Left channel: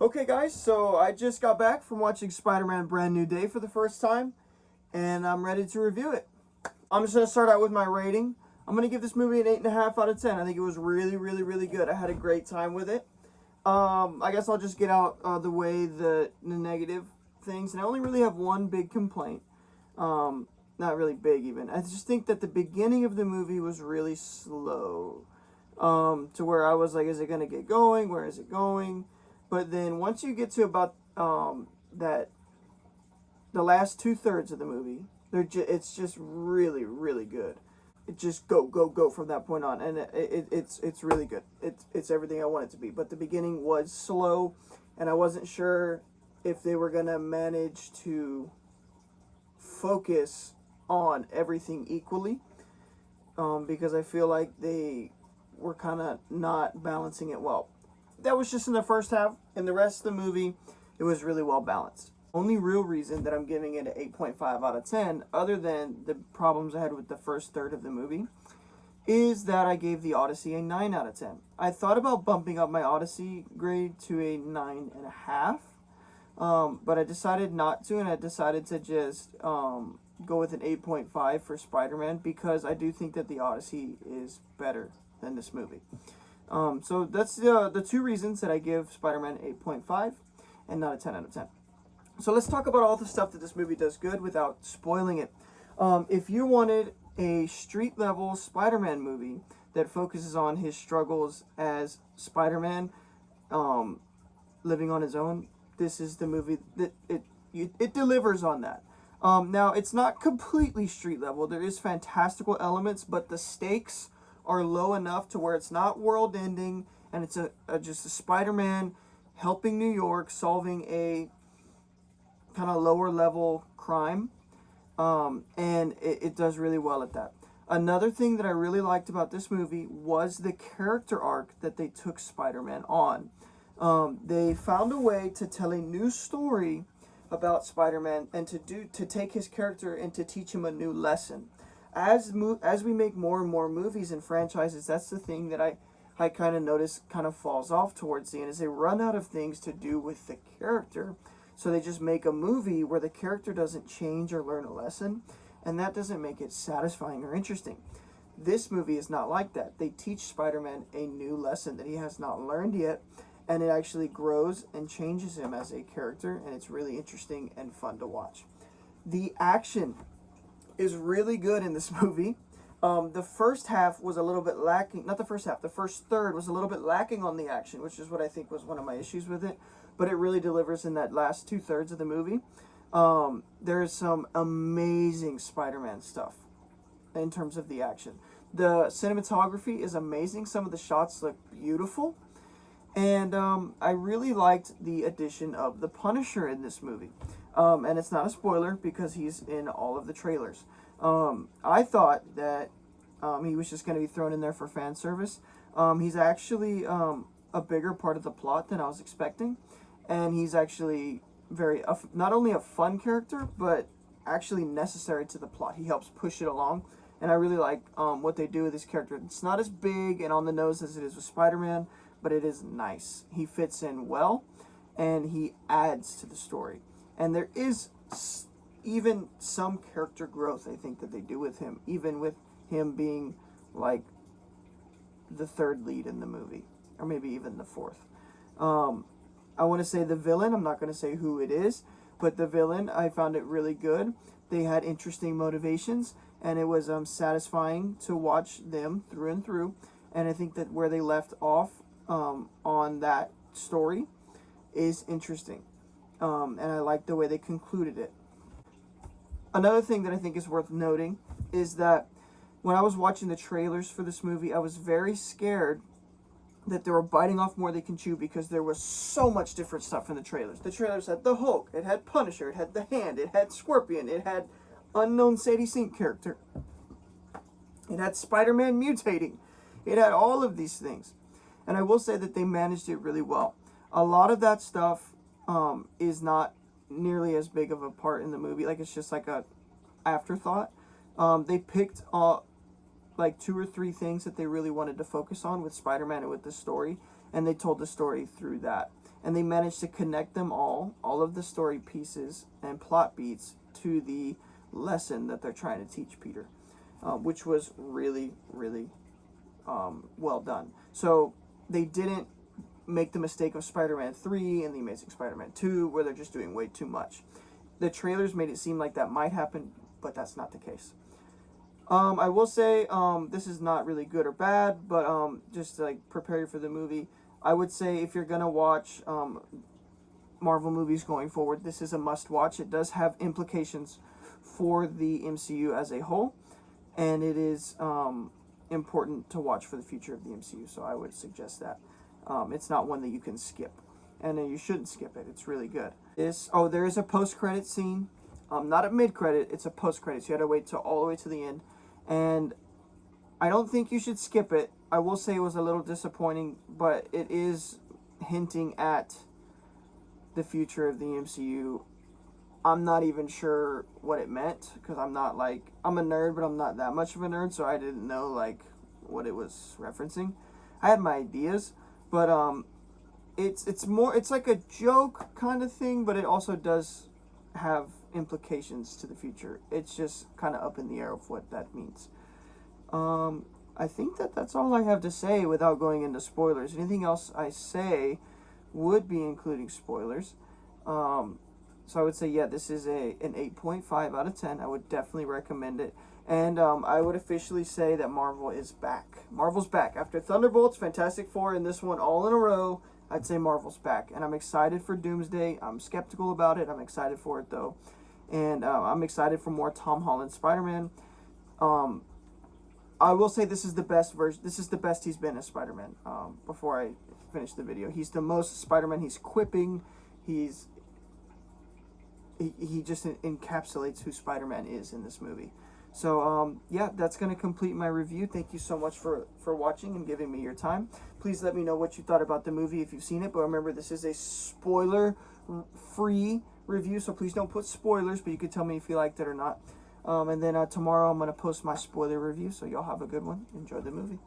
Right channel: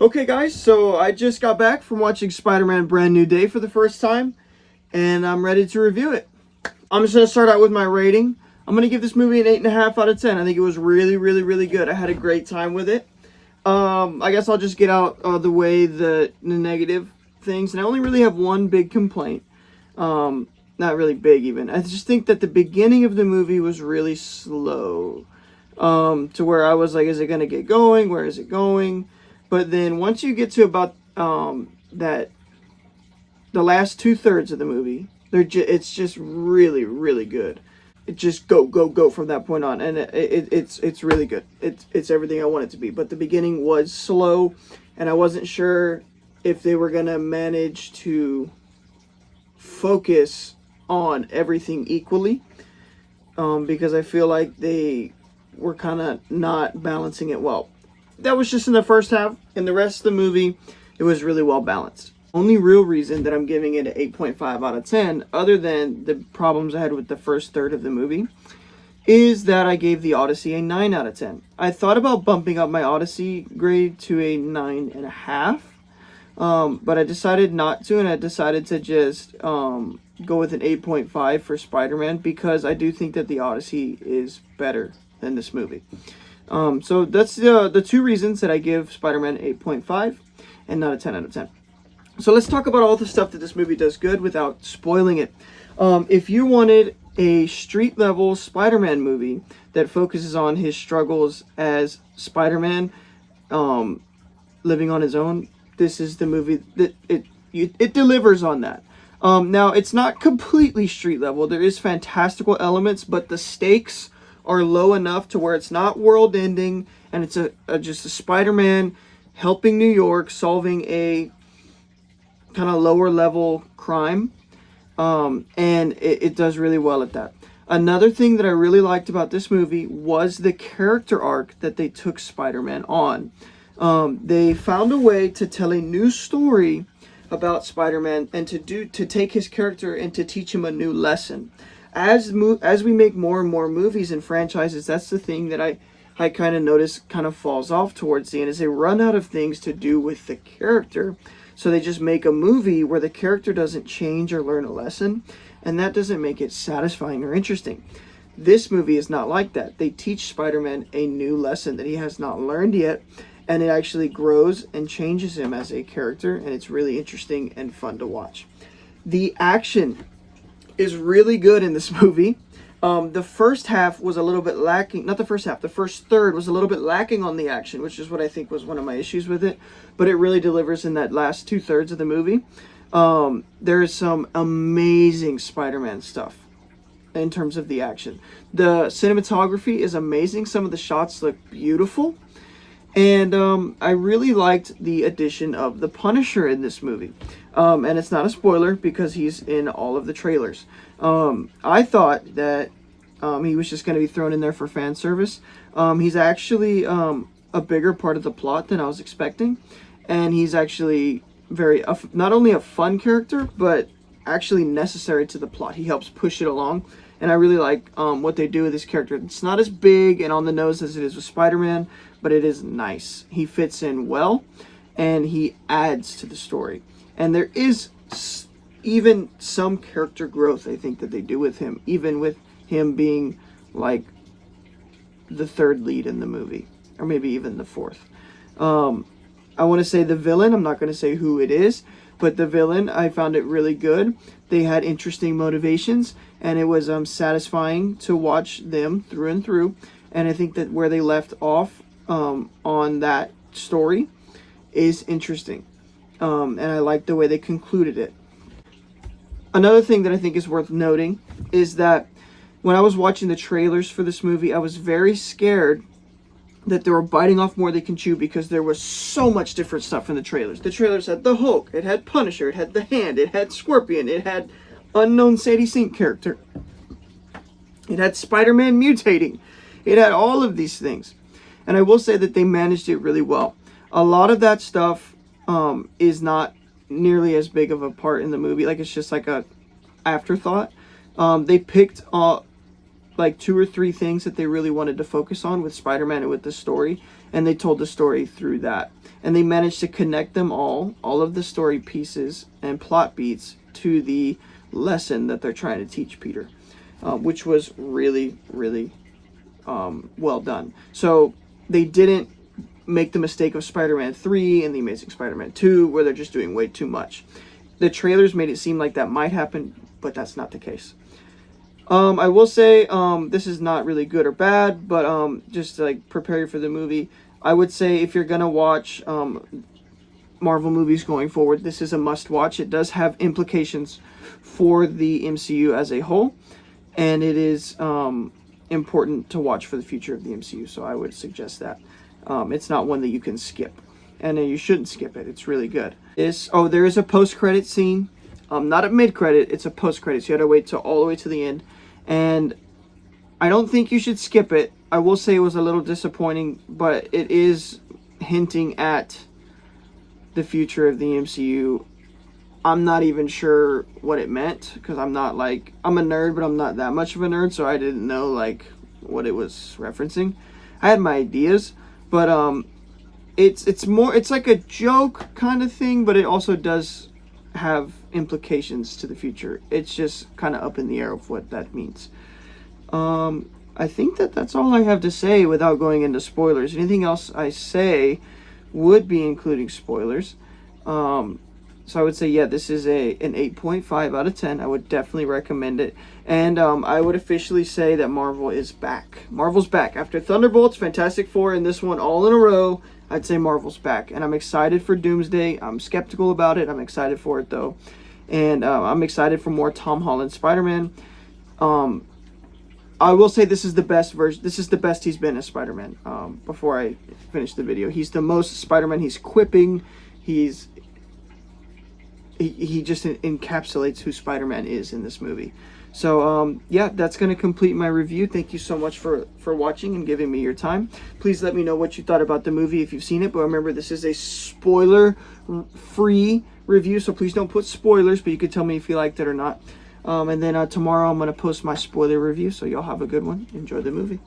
Okay guys, so I just got back from watching Spider-Man Brand New Day for the first time, and I'm ready to review it. I'm just going to start out with my rating. I'm going to give this movie an 8.5 out of 10. I think it was really good. I had a great time with it. I guess I'll just get out the way the negative things, and I only really have one big complaint. Not really big even. I just think that the beginning of the movie was really slow. To where I was like, is it going to get going? Where is it going? But then once you get to about that the last 2/3 of the movie, it's just really good. It just go from that point on, and it's really good. It's everything I want it to be. But the beginning was slow, and I wasn't sure if they were gonna manage to focus on everything equally, because I feel like they were kind of not balancing it well. That was just in the first half. In the rest of the movie, it was really well balanced. Only real reason that I'm giving it an 8.5 out of 10, other than the problems I had with the first third of the movie, is that I gave the Odyssey a 9 out of 10. I thought about bumping up my Odyssey grade to a 9.5, but I decided not to, and I decided to just go with an 8.5 for Spider-Man, because I do think that the Odyssey is better than this movie. So that's the two reasons that I give Spider-Man 8.5 and not a 10 out of 10. So let's talk about all the stuff that this movie does good without spoiling it. If you wanted a street level Spider-Man movie that focuses on his struggles as Spider-Man, living on his own, this is the movie that it delivers on that. Now it's not completely street level. There is fantastical elements, but the stakes are low enough to where it's not world ending, and it's just a Spider-Man helping New York solving a kind of lower level crime, and it does really well at that. Another thing that I really liked about this movie was the character arc that they took Spider-Man on. They found a way to tell a new story about Spider-Man, and to take his character and to teach him a new lesson. As we make more and more movies and franchises, that's the thing that I kind of notice kind of falls off towards the end, is they run out of things to do with the character. So they just make a movie where the character doesn't change or learn a lesson, and that doesn't make it satisfying or interesting. This movie is not like that. They teach Spider-Man a new lesson that he has not learned yet, and it actually grows and changes him as a character, and it's really interesting and fun to watch. The action is really good in this movie. The first half was a little bit lacking. Not the first half. The first third was a little bit lacking on the action, which is what I think was one of my issues with it. But it really delivers in that last 2/3 of the movie. There is some amazing Spider-Man stuff in terms of the action. The cinematography is amazing. Some of the shots look beautiful. And I really liked the addition of the Punisher in this movie. And it's not a spoiler because he's in all of the trailers. I thought that he was just going to be thrown in there for fan service. He's actually a bigger part of the plot than I was expecting. And he's actually not only a fun character, but actually necessary to the plot. He helps push it along. And I really like what they do with this character. It's not as big and on the nose as it is with Spider-Man, but it is nice. He fits in well, and he adds to the story. And there is even some character growth, I think, that they do with him, even with him being like the third lead in the movie, or maybe even the fourth. I want to say the villain. I'm not going to say who it is, but the villain, I found it really good. They had interesting motivations, and it was satisfying to watch them through and through. And I think that where they left off on that story is interesting, and I like the way they concluded it. Another thing that I think is worth noting is that when I was watching the trailers for this movie, I was very scared that they were biting off more they can chew, because there was so much different stuff in the trailers. The trailers had the Hulk, it had Punisher, it had the Hand, it had Scorpion, it had unknown Sadie Sink character, it had Spider-Man mutating, it had all of these things. And I will say that they managed it really well. A lot of that stuff is not nearly as big of a part in the movie. Like, it's just like a afterthought. They picked like 2 or 3 things that they really wanted to focus on with Spider-Man and with the story, and they told the story through that. And they managed to connect them all of the story pieces and plot beats, to the lesson that they're trying to teach Peter, which was really, really well done. So they didn't make the mistake of Spider-Man 3 and The Amazing Spider-Man 2, where they're just doing way too much. The trailers made it seem like that might happen, but that's not the case. I will say, this is not really good or bad, but just to, like, prepare you for the movie, I would say if you're gonna watch Marvel movies going forward, this is a must-watch. It does have implications for the MCU as a whole, and it is important to watch for the future of the MCU, so I would suggest that. It's not one that you can skip, and you shouldn't skip it. It's really good. There is a post-credit scene. Not a mid-credit, it's a post-credit, so you had to wait till all the way to the end. And I don't think you should skip it. I will say it was a little disappointing, but it is hinting at the future of the MCU. I'm not even sure what it meant, because I'm not, like, I'm a nerd, but I'm not that much of a nerd, so I didn't know, like, what it was referencing. I had my ideas, but it's more, it's like a joke kind of thing, but it also does have implications to the future. It's just kind of up in the air of what that means. I think that's all I have to say without going into spoilers. Anything else I say would be including spoilers. So I would say, yeah, this is an 8.5 out of 10. I would definitely recommend it. And I would officially say that Marvel is back. Marvel's back. After Thunderbolts, Fantastic Four, and this one all in a row, I'd say Marvel's back. And I'm excited for Doomsday. I'm skeptical about it. I'm excited for it, though. And I'm excited for more Tom Holland Spider-Man. I will say this is the best version. This is the best he's been as Spider-Man. Before I finish the video, he's the most Spider-Man. He's quipping. He just encapsulates who Spider-Man is in this movie. So yeah, that's going to complete my review. Thank you so much for watching and giving me your time. Please let me know what you thought about the movie if you've seen it. But remember, this is a spoiler-free review, so please don't put spoilers, but you could tell me if you liked it or not. And then tomorrow I'm going to post my spoiler review, so y'all have a good one. Enjoy the movie.